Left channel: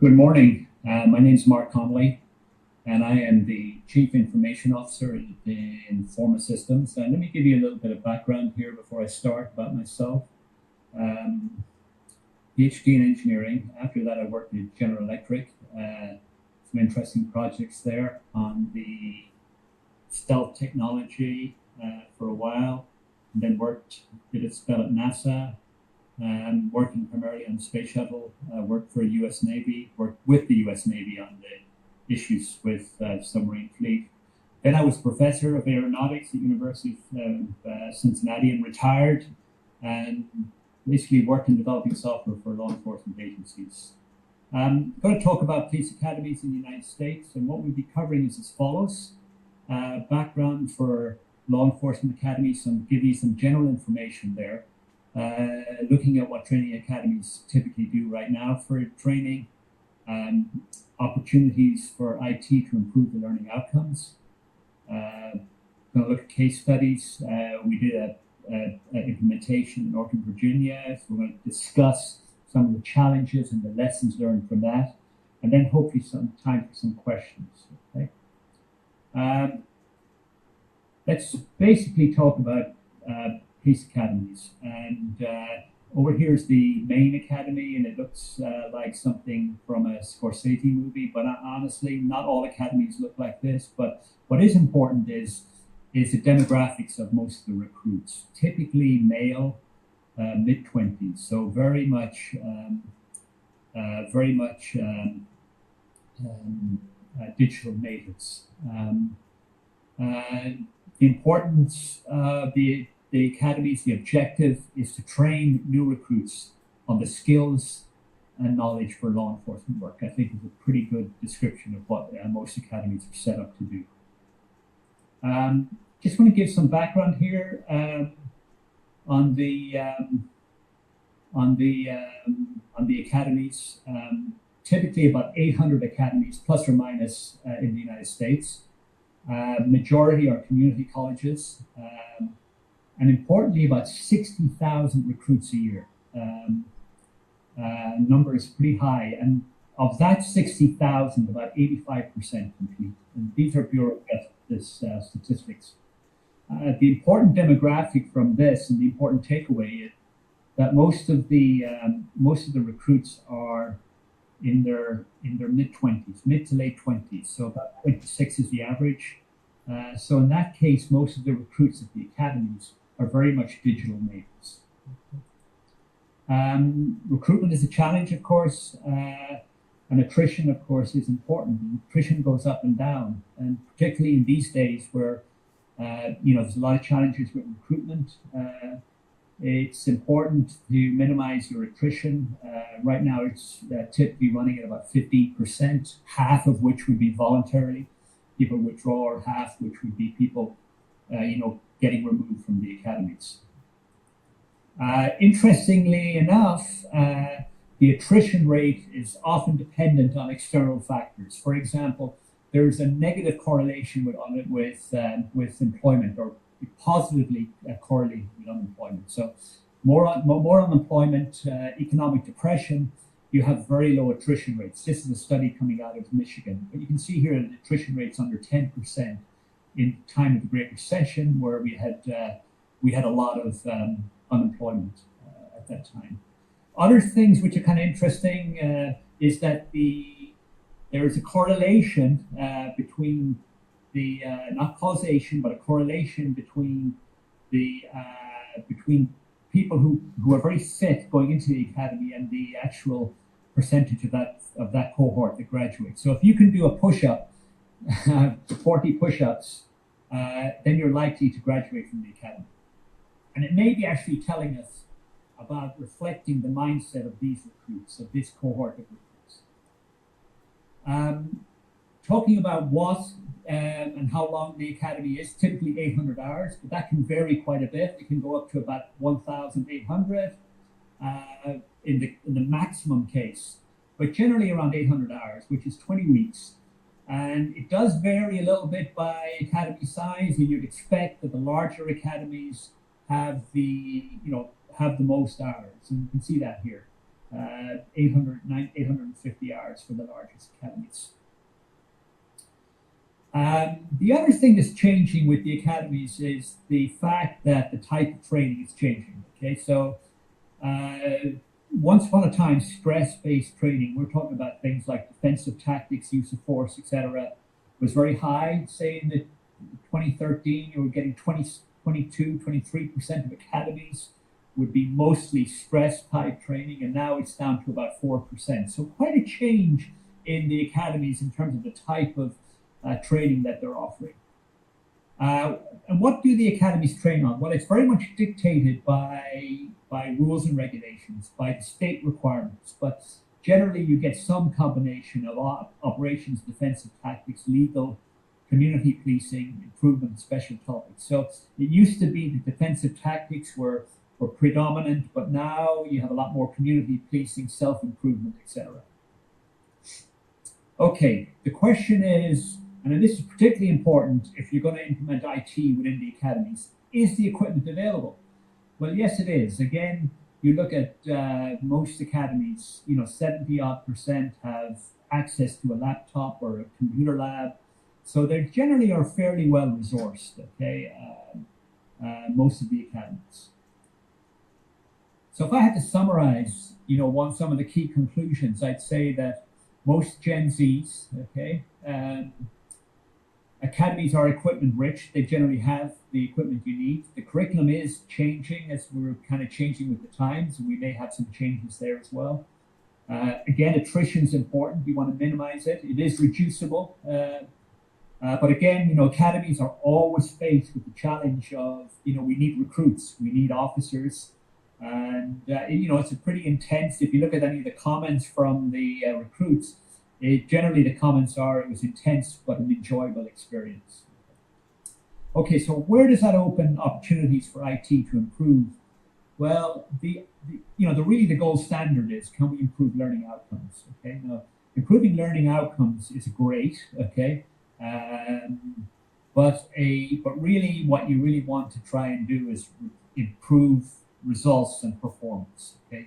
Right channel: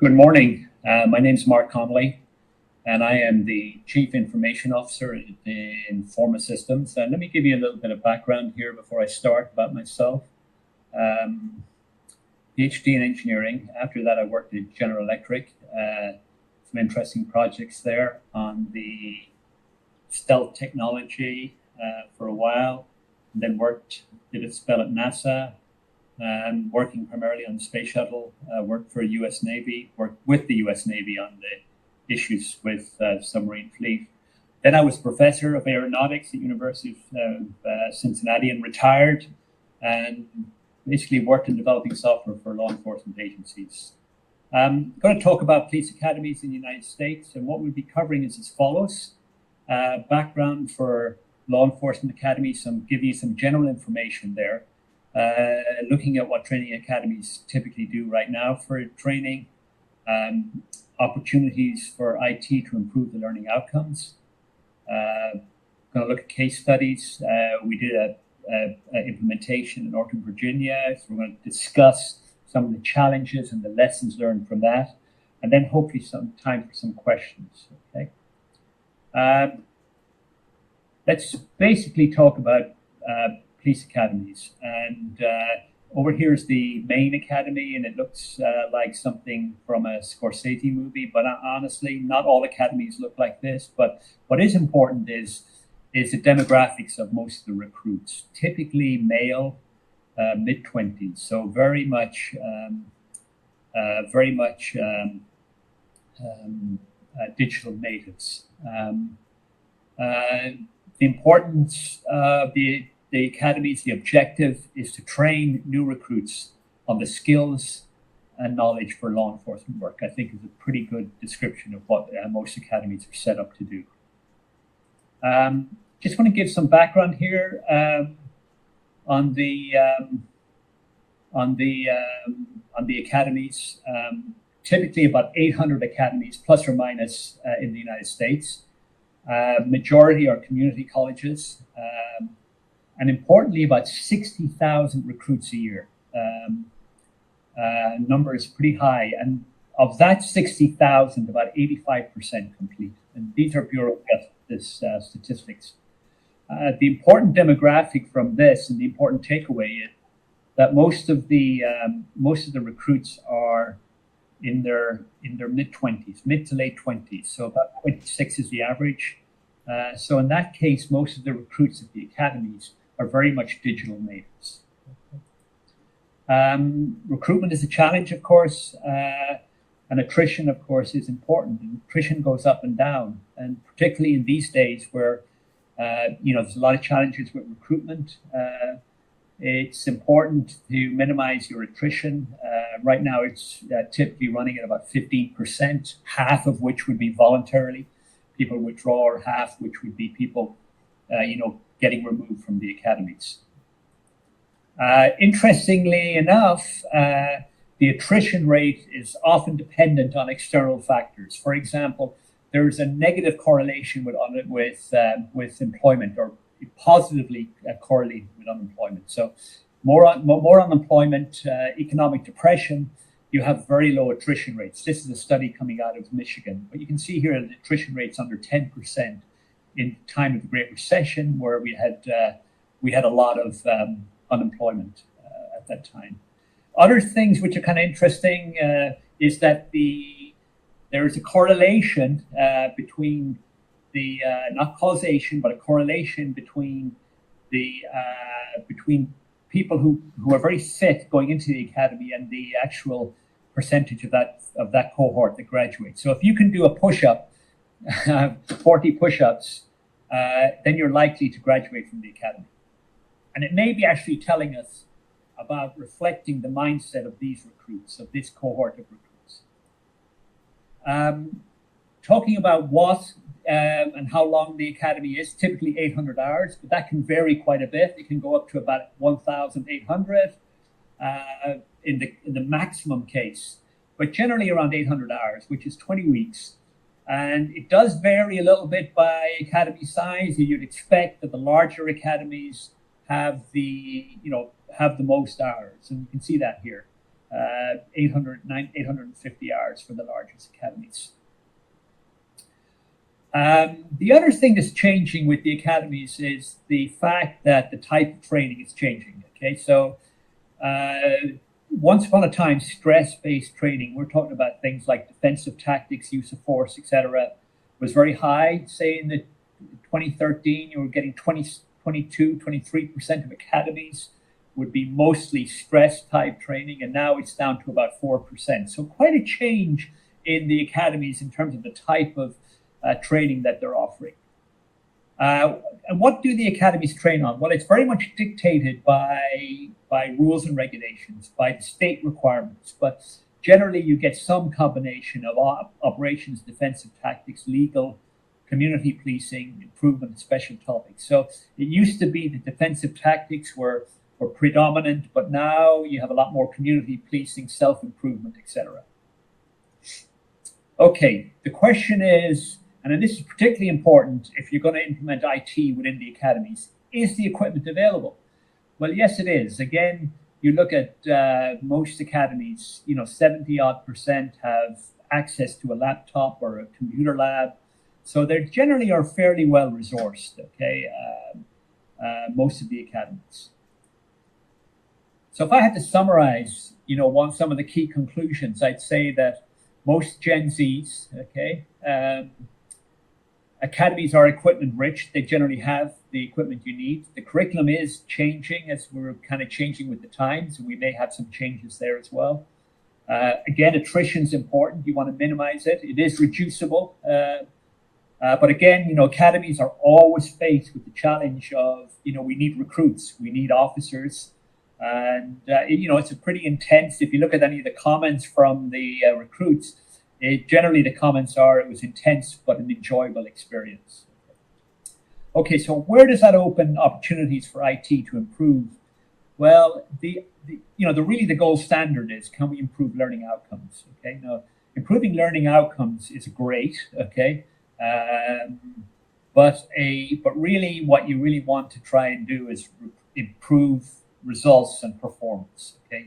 Good morning. My name is Mark Connolly, and I am the Chief Information Officer in Informa Systems. And let me give you a little bit of background here before I start about myself. PhD in engineering. After that, I worked at General Electric. Some interesting projects there on the stealth technology for a while. And then did a spell at NASA. Working primarily on the space shuttle, worked for U.S. Navy, worked with the U.S. Navy on the issues with submarine fleet. Then I was professor of aeronautics at University of Cincinnati and retired, and basically worked in developing software for law enforcement agencies. I'm going to talk about police academies in the United States, and what we'll be covering is as follows. Background for law enforcement academies, give you some general information there. Looking at what training academies typically do right now for training, opportunities for IT to improve the learning outcomes. Going to look at case studies. We did an implementation in Northern Virginia, so we're going to discuss some of the challenges and the lessons learned from that, and then hopefully some time for some questions. Okay. Let's basically talk about police academies, and over here is the main academy, and it looks like something from a Scorsese movie, but honestly not all academies look like this. But what is important is the demographics of most of the recruits, typically male, mid-20s, so very much digital natives. The importance of the academies, the objective is to train new recruits on the skills and knowledge for law enforcement work. I think is a pretty good description of what most academies are set up to do. Just want to give some background here on the academies. Typically about 800 academies, plus or minus, in the United States. Majority are community colleges. And importantly, about 60,000 recruits a year. Number is pretty high. And of that 60,000, about 85% complete. And these are Bureau of Justice statistics. The important demographic from this, and the important takeaway, is that most of the recruits are in their mid-20s, mid to late 20s. So about 26 is the average. So in that case, most of the recruits at the academies are very much digital natives. Recruitment is a challenge, of course, and attrition, of course, is important. And attrition goes up and down, and particularly in these days where there's a lot of challenges with recruitment. It's important to minimize your attrition. Right now, it's typically running at about 15%, half of which would be voluntarily people withdraw, or half which would be people, getting removed from the academies. Interestingly enough, the attrition rate is often dependent on external factors. For example, there is a negative correlation with employment, or positively correlated with unemployment. So more unemployment, economic depression, you have very low attrition rates. This is a study coming out of Michigan, but you can see here the attrition rates under 10% in time of the Great Recession, where we had a lot of unemployment at that time. Other things which are kind of interesting is that there is a correlation between not causation, but a correlation between people who are very fit going into the academy and the actual percentage of that cohort that graduates. So if you can do a push-up, 40 push-ups, then you're likely to graduate from the academy. And it may be actually telling us about reflecting the mindset of these recruits, of this cohort of recruits. Talking about what and how long the academy is, typically 800 hours, but that can vary quite a bit. It can go up to about 1,800 in the maximum case, but generally around 800 hours, which is 20 weeks. And it does vary a little bit by academy size. You'd expect that the larger academies have the most hours, and you can see that here. 850 hours for the largest academies. The other thing that's changing with the academies is the fact that the type of training is changing. Okay, so once upon a time, stress-based training, we're talking about things like defensive tactics, use of force, etc., was very high. Say in the 2013, you were getting 23% of academies would be mostly stress-type training, and now it's down to about 4%. So quite a change in the academies in terms of the type of training that they're offering. And what do the academies train on? Well, it's very much dictated by rules and regulations, by the state requirements, but generally you get some combination of operations, defensive tactics, legal, community policing, improvement, and special topics. So it used to be the defensive tactics were predominant, but now you have a lot more community policing, self-improvement, etc. Okay, the question is, and this is particularly important if you're going to implement IT within the academies, is the equipment available? Well, yes, it is. Again, you look at most academies, 70-odd% have access to a laptop or a computer lab. So they generally are fairly well resourced, okay, most of the academies. So if I had to summarize, some of the key conclusions, I'd say that most Gen Zs, okay, academies are equipment rich. They generally have the equipment you need. The curriculum is changing as we're kind of changing with the times. We may have some changes there as well. Again, attrition is important. You want to minimize it. It is reducible. But again, academies are always faced with the challenge of, we need recruits, we need officers. And, it's a pretty intense, if you look at any of the comments from the recruits, generally the comments are, it was intense, but an enjoyable experience. Okay, so where does that open opportunities for IT to improve? Well, the gold standard is, can we improve learning outcomes? Okay, now improving learning outcomes is great. Okay, but really, what you really want to try and do is improve results and performance. Okay,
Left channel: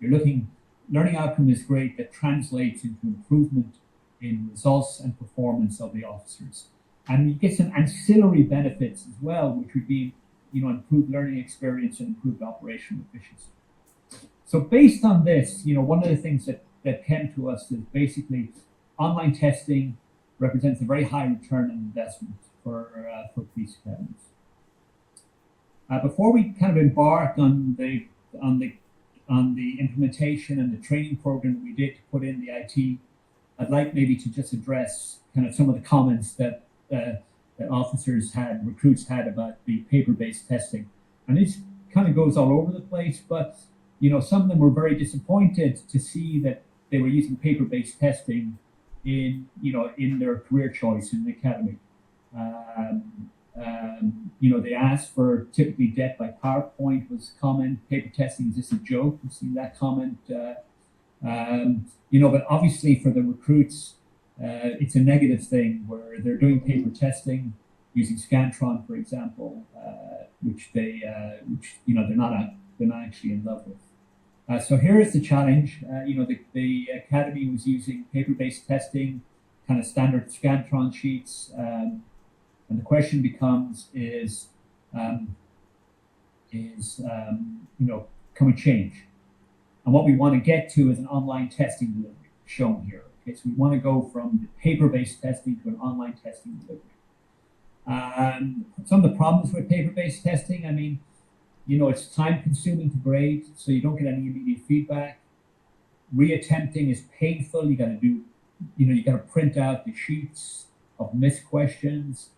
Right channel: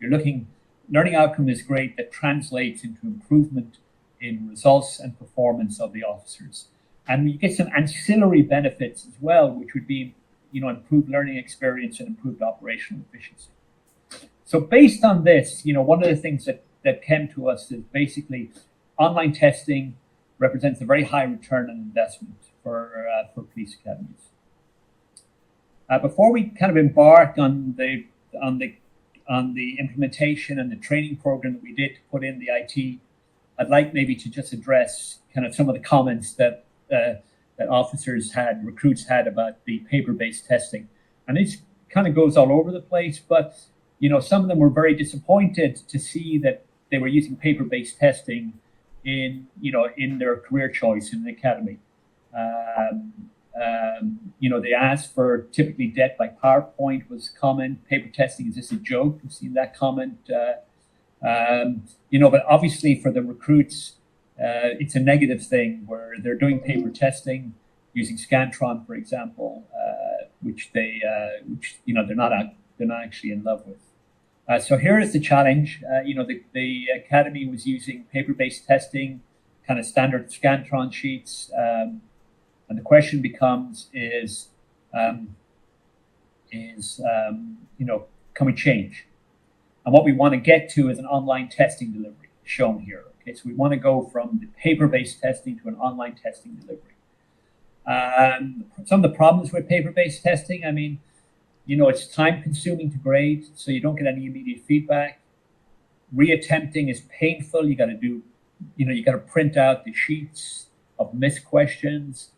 you're looking. Learning outcome is great, that translates into improvement in results and performance of the officers. And you get some ancillary benefits as well, which would be, improved learning experience and improved operational efficiency. So based on this, one of the things that came to us is basically online testing represents a very high return on investment for police academies. Before we kind of embark on the implementation and the training program that we did to put in the IT, I'd like maybe to just address kind of some of the comments that officers had, recruits had about the paper-based testing. And this kind of goes all over the place, but some of them were very disappointed to see that they were using paper-based testing in their career choice in the academy. They asked for typically death by PowerPoint was common. Paper testing, is this a joke? We've seen that comment. But obviously for the recruits, it's a negative thing where they're doing paper testing using Scantron, for example, which they're not actually in love with. So here is the challenge. The academy was using paper-based testing, kind of standard Scantron sheets. And the question becomes can we change? And what we want to get to is an online testing delivery shown here. Okay, so we want to go from the paper-based testing to an online testing delivery. Some of the problems with paper-based testing, it's time-consuming to grade, so you don't get any immediate feedback. Reattempting is painful. You got to print out the sheets of missed questions.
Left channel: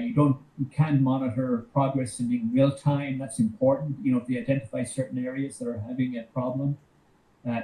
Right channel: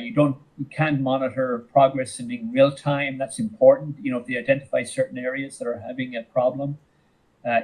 You can monitor progress in real time. That's important. If they identify certain areas that are having a problem,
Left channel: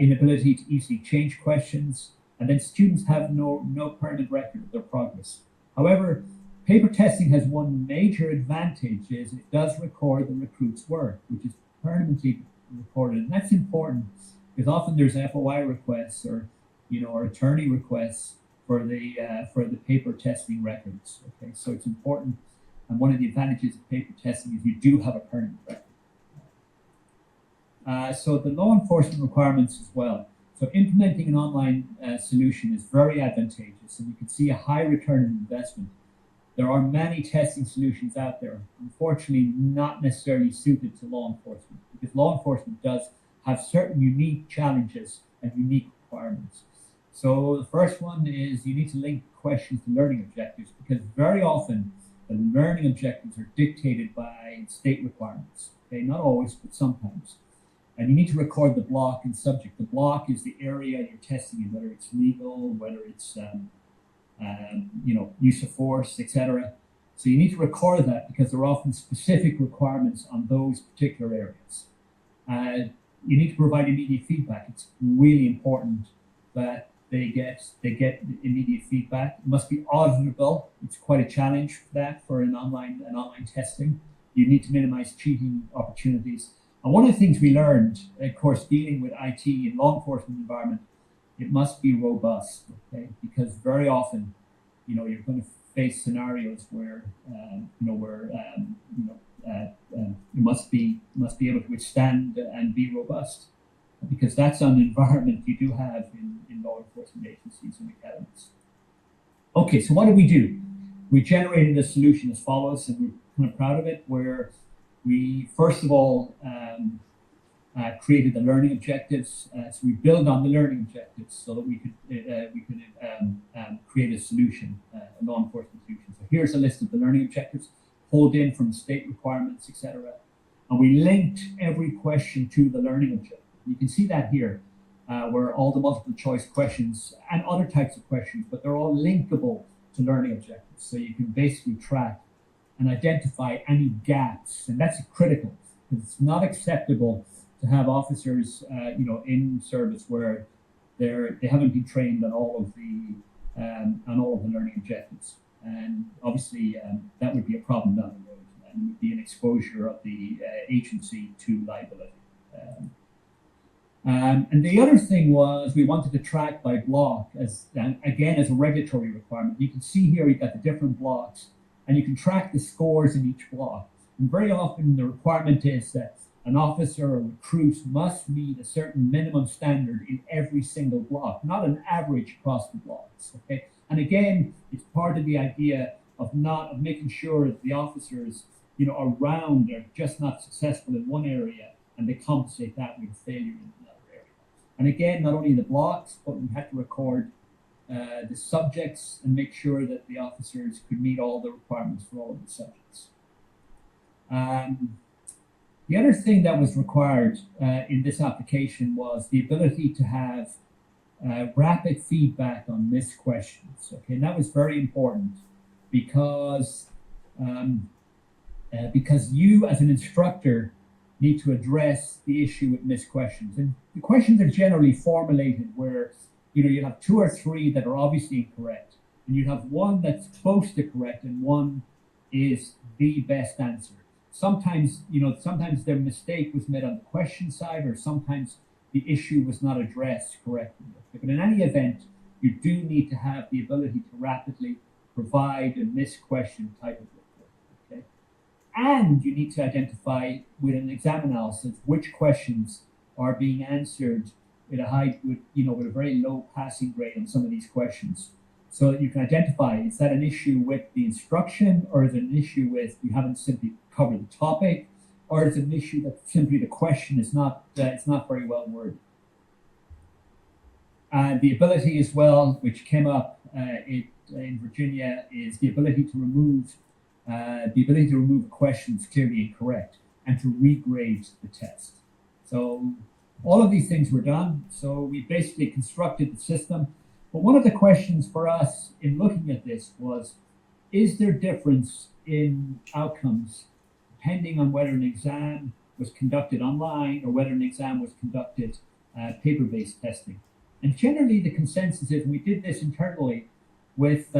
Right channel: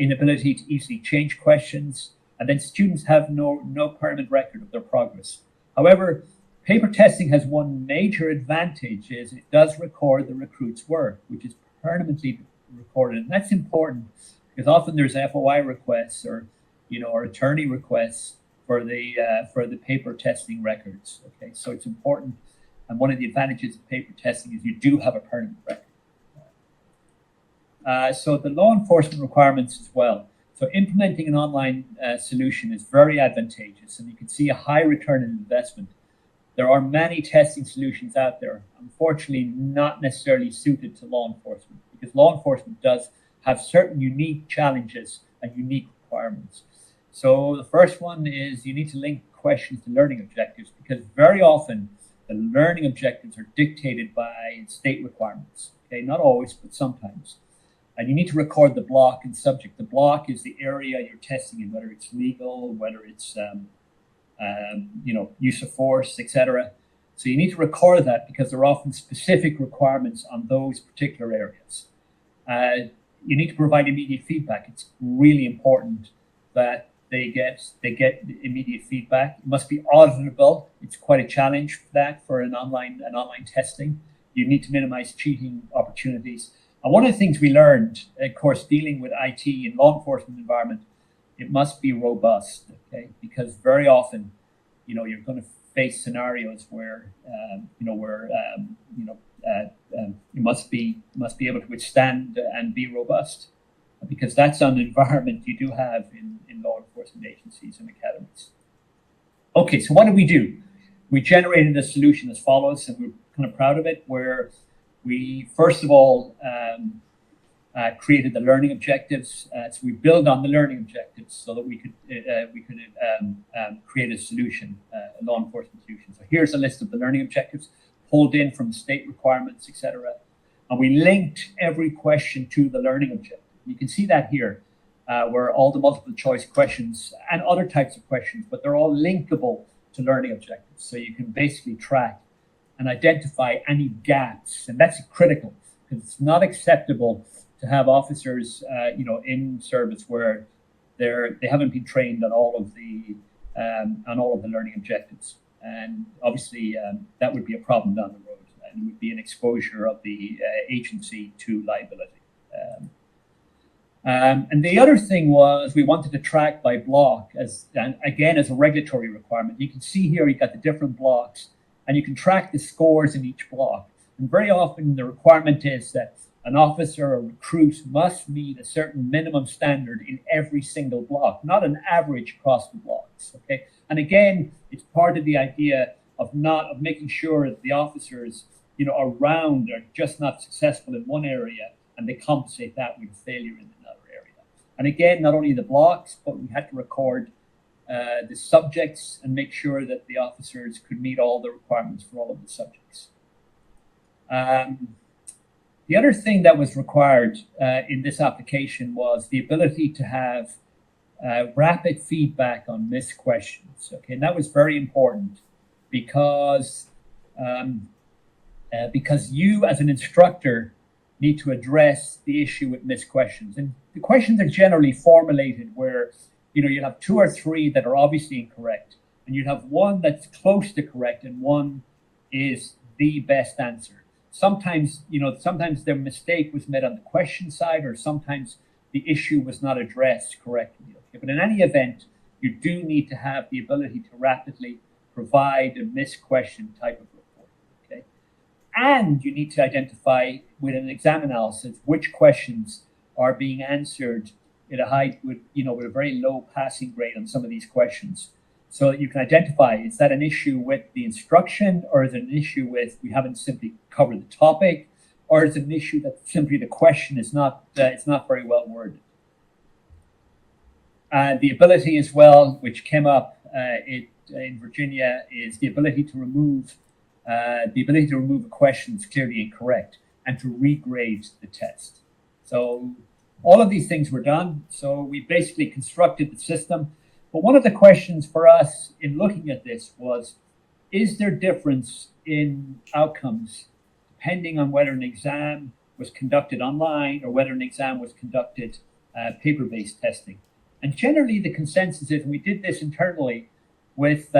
inability to easily change questions, and then students have no permanent record of their progress. However, paper testing has one major advantage: is it does record the recruit's work, which is permanently recorded, and that's important because often there's FOI requests or attorney requests for the paper testing records. Okay, so it's important, and one of the advantages of paper testing is you do have a permanent record. So the law enforcement requirements as well. So implementing an online solution is very advantageous, and you can see a high return on investment. There are many testing solutions out there, unfortunately not necessarily suited to law enforcement, because law enforcement does have certain unique challenges and unique requirements. So the first one is you need to link questions to learning objectives, because very often the learning objectives are dictated by state requirements. Okay, not always, but sometimes. And you need to record the block and subject. The block is the area you're testing in, whether it's legal, whether it's use of force, etc. So you need to record that, because there are often specific requirements on those particular areas. You need to provide immediate feedback. It's really important that they get immediate feedback. It must be auditable. It's quite a challenge for that, for an online testing. You need to minimize cheating opportunities. And one of the things we learned, of course, dealing with IT in law enforcement environment, it must be robust, okay? Because very often, you're going to face scenarios where, you must be able to withstand and be robust, because that's an environment you do have in law enforcement agencies and academies. Okay, so what did we do? We generated a solution as follows, and we're kind of proud of it, where we first of all created the learning objectives. So we build on the learning objectives so that we could create a solution, a law enforcement solution. So here's a list of the learning objectives pulled in from state requirements, etc. And we linked every question to the learning objective. You can see that here, where all the multiple choice questions and other types of questions, but they're all linkable to learning objectives. So you can basically track and identify any gaps, and that's critical, because it's not acceptable to have officers, in service where they haven't been trained on all of the learning objectives, and obviously that would be a problem down the road, and it would be an exposure of the agency to liability. And the other thing was we wanted to track by block, as a regulatory requirement. You can see here you got the different blocks, and you can track the scores in each block. And very often the requirement is that an officer or recruit must meet a certain minimum standard in every single block, not an average across the blocks. Okay, and again, it's part of the idea of making sure that the officers, around are just not successful in one area, and they compensate that with failure in another area. And again, not only the blocks, but we had to record the subjects and make sure that the officers could meet all the requirements for all of the subjects. The other thing that was required in this application was the ability to have rapid feedback on missed questions. Okay, and that was very important because you as an instructor need to address the issue with missed questions. And the questions are generally formulated where you have two or three that are obviously incorrect, and you have one that's close to correct, and one is the best answer. Sometimes the mistake was made on the question side, or sometimes the issue was not addressed correctly. Okay? But in any event, you do need to have the ability to rapidly provide a missed question type of report. Okay, and you need to identify with an exam analysis which questions are being answered with a very low passing grade on some of these questions, so that you can identify, is that an issue with the instruction, or is it an issue with we haven't simply covered the topic, or is it an issue that simply the question is not it's not very well worded. And the ability as well, which came up in Virginia, is the ability to remove a question that's clearly incorrect and to regrade the test. So all of these things were done. So we basically constructed the system. But one of the questions for us in looking at this was, is there difference in outcomes depending on whether an exam was conducted online or whether an exam was conducted paper-based testing? And generally the consensus is, and we did this internally with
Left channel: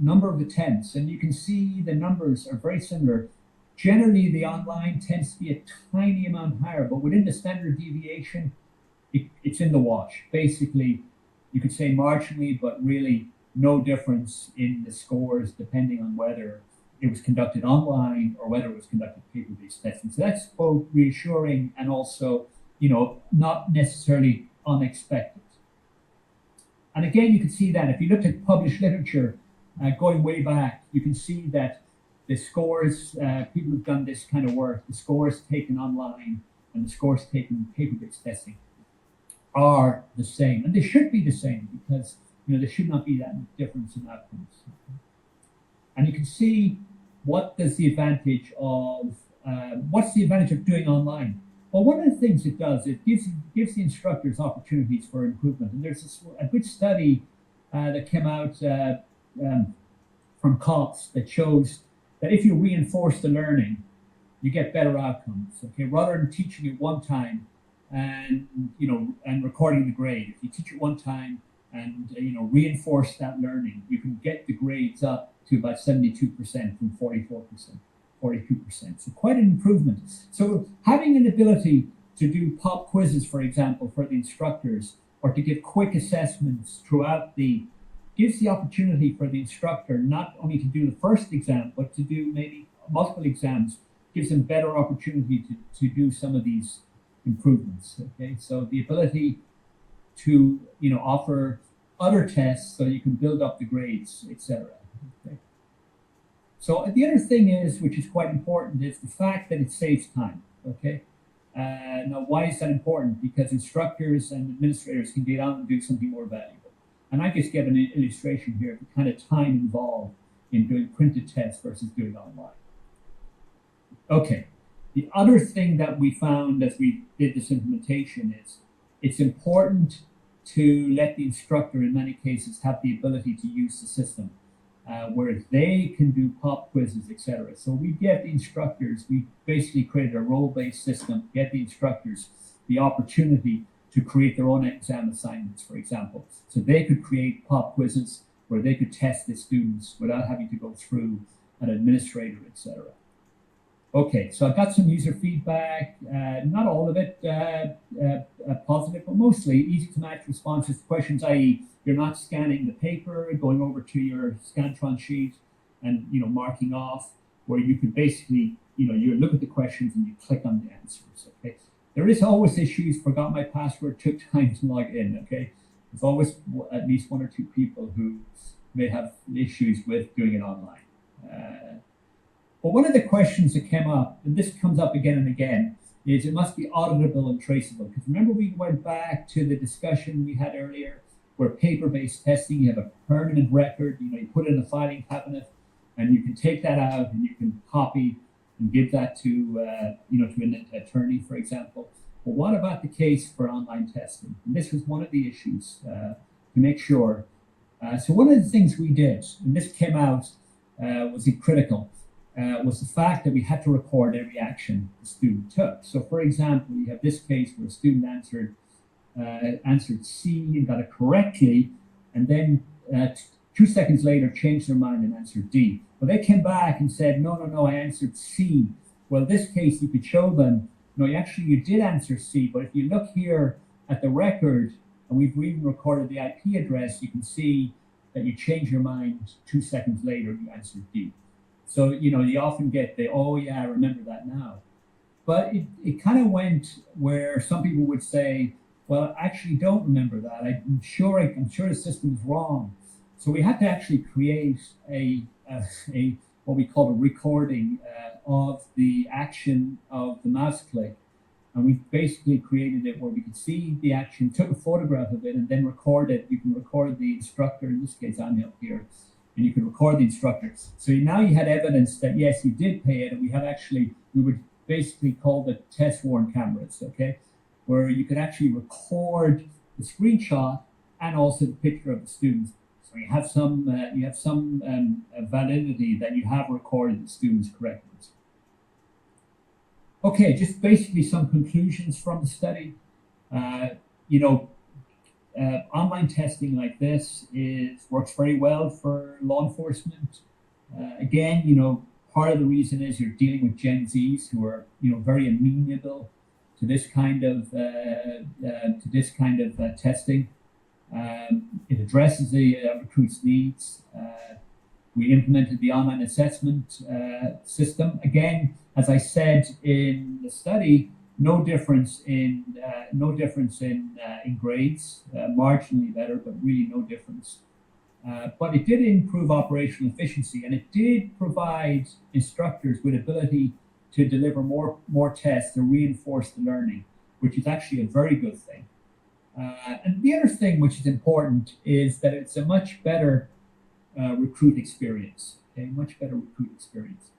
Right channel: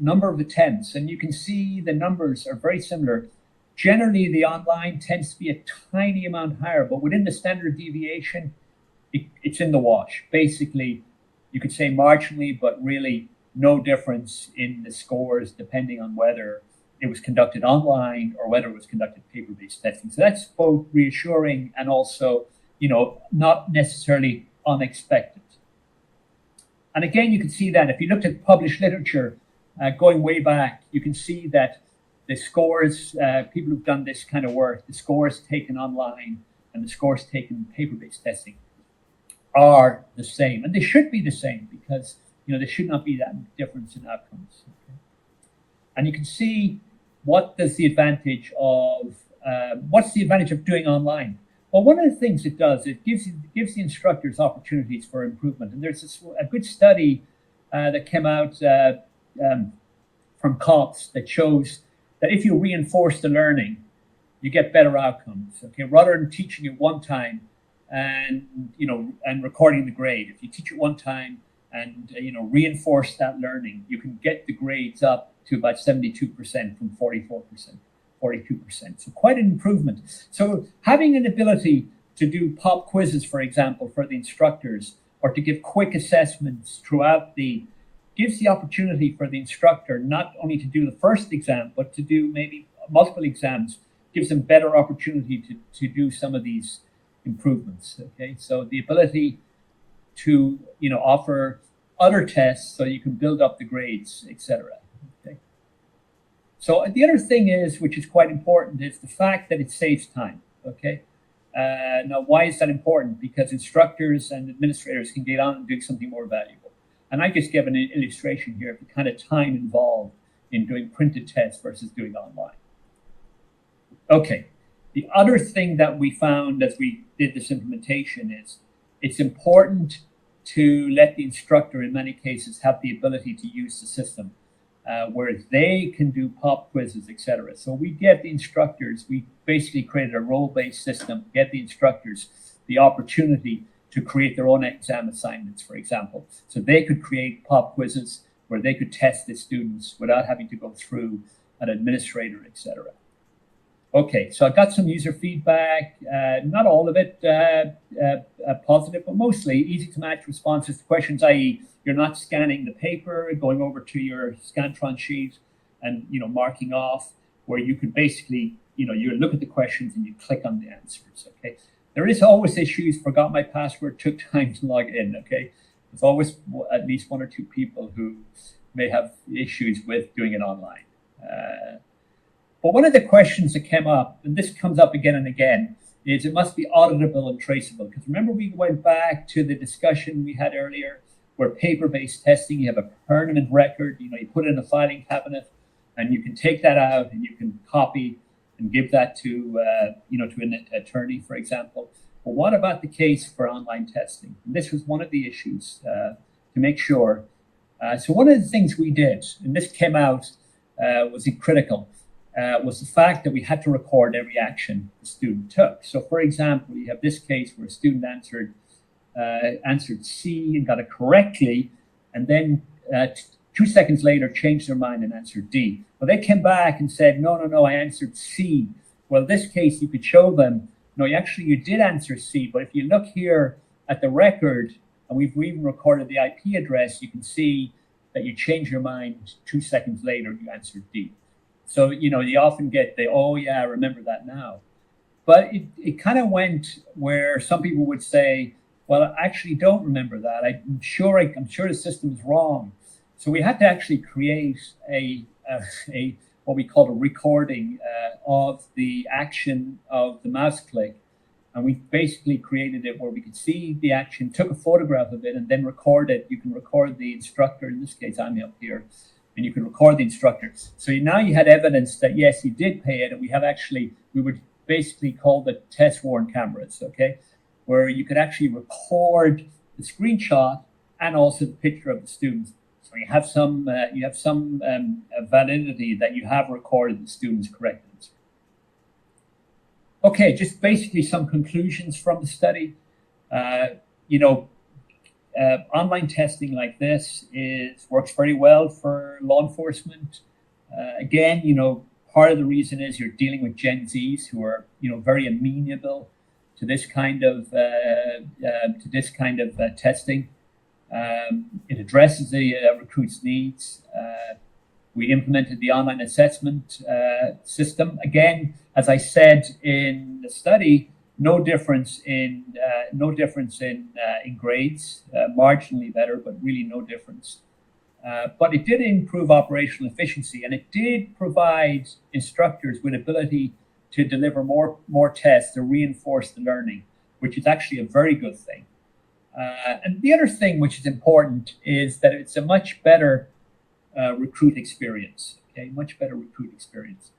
number of attempts, and you can see the numbers are very similar. Generally, the online tends to be a tiny amount higher, but within the standard deviation, it's in the wash. Basically, you could say marginally, but really no difference in the scores depending on whether it was conducted online or whether it was conducted paper-based testing. So that's both reassuring and also, not necessarily unexpected. And again, you can see that if you looked at published literature going way back, you can see that the scores, people who've done this kind of work, the scores taken online and the scores taken in paper-based testing are the same. And they should be the same because, there should not be that difference in outcomes. And you can see what's the advantage of doing online? Well, one of the things it does, it gives the instructors opportunities for improvement. And there's a good study that came out from COPS that shows that if you reinforce the learning, you get better outcomes. Okay, rather than teaching it one time and recording the grade, if you teach it one time and reinforce that learning, you can get the grades up to about 72% from 44%, 42%. So quite an improvement. So having an ability to do pop quizzes, for example, for the instructors, or to give quick assessments throughout gives the opportunity for the instructor not only to do the first exam, but to do maybe multiple exams, gives them better opportunity to do some of these improvements. Okay, so the ability to offer other tests so you can build up the grades, etc. Okay. So the other thing is, which is quite important, is the fact that it saves time. Okay. Now, why is that important? Because instructors and administrators can get on and do something more valuable. And I just give an illustration here of the kind of time involved in doing printed tests versus doing online. Okay. The other thing that we found as we did this implementation is it's important to let the instructor, in many cases, have the ability to use the system, where they can do pop quizzes, etc. So we basically created a role-based system, get the instructors the opportunity to create their own exam assignments, for example. So they could create pop quizzes where they could test the students without having to go through an administrator, etc. Okay, so I got some user feedback, not all of it positive, but mostly easy to match responses to questions, i.e. you're not scanning the paper, going over to your Scantron sheet and marking off, where you could basically, you look at the questions and you click on the answers, okay? There is always issues, forgot my password, took time to log in, okay? There's always at least one or two people who may have issues with doing it online. But one of the questions that came up, and this comes up again and again, is it must be auditable and traceable. Because remember, we went back to the discussion we had earlier, where paper-based testing, you have a permanent record, you put it in a filing cabinet, and you can take that out and you can copy and give that to to an attorney, for example. But what about the case for online testing? And this was one of the issues to make sure. So one of the things we did, and this came out, was critical. Was the fact that we had to record every action the student took. So, for example, you have this case where a student answered C and got it correctly, and then 2 seconds later changed their mind and answered D. Well, they came back and said, no, I answered C. Well, in this case, you could show them, no, you did answer C, but if you look here at the record, and we've even recorded the IP address, you can see that you changed your mind 2 seconds later, you answered D. So, you often get oh yeah, I remember that now. But it kind of went where some people would say, well, I actually don't remember that. I'm sure the system's wrong. So we had to actually create a what we call a recording of the action of the mouse click. And we basically created it where we could see the action, took a photograph of it, and then record it. You can record the instructor, in this case, I'm up here, and you can record the instructor. So now you had evidence that, yes, you did pay it, and we would basically call the test-worn cameras, okay? Where you could actually record the screenshot and also the picture of the students. So you have some validity that you have recorded the students correctly. Okay, just basically some conclusions from the study. Online testing like this works very well for law enforcement. Again, part of the reason is you're dealing with Gen Zs who are, very amenable to this kind of testing. It addresses the recruits' needs. We implemented the online assessment system. Again, as I said in the study, no difference in grades, marginally better, but really no difference. But it did improve operational efficiency, and it did provide instructors with ability to deliver more tests to reinforce the learning, which is actually a very good thing. And the other thing which is important is that it's a much better recruit experience. Okay, much better recruit experience.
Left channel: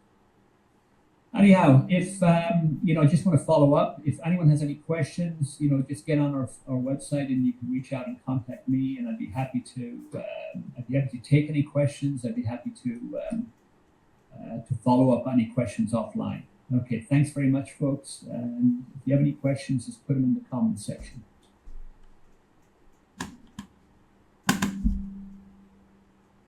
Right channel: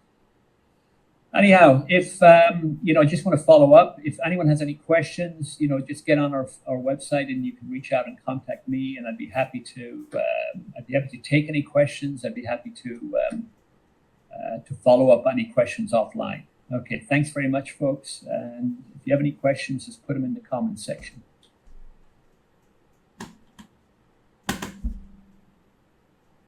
Anyhow, if I just want to follow up. If anyone has any questions, just get on our website and you can reach out and contact me, and I'd be happy to take any questions. I'd be happy to follow up any questions offline. Okay, thanks very much, folks. And if you have any questions, just put them in the comment section.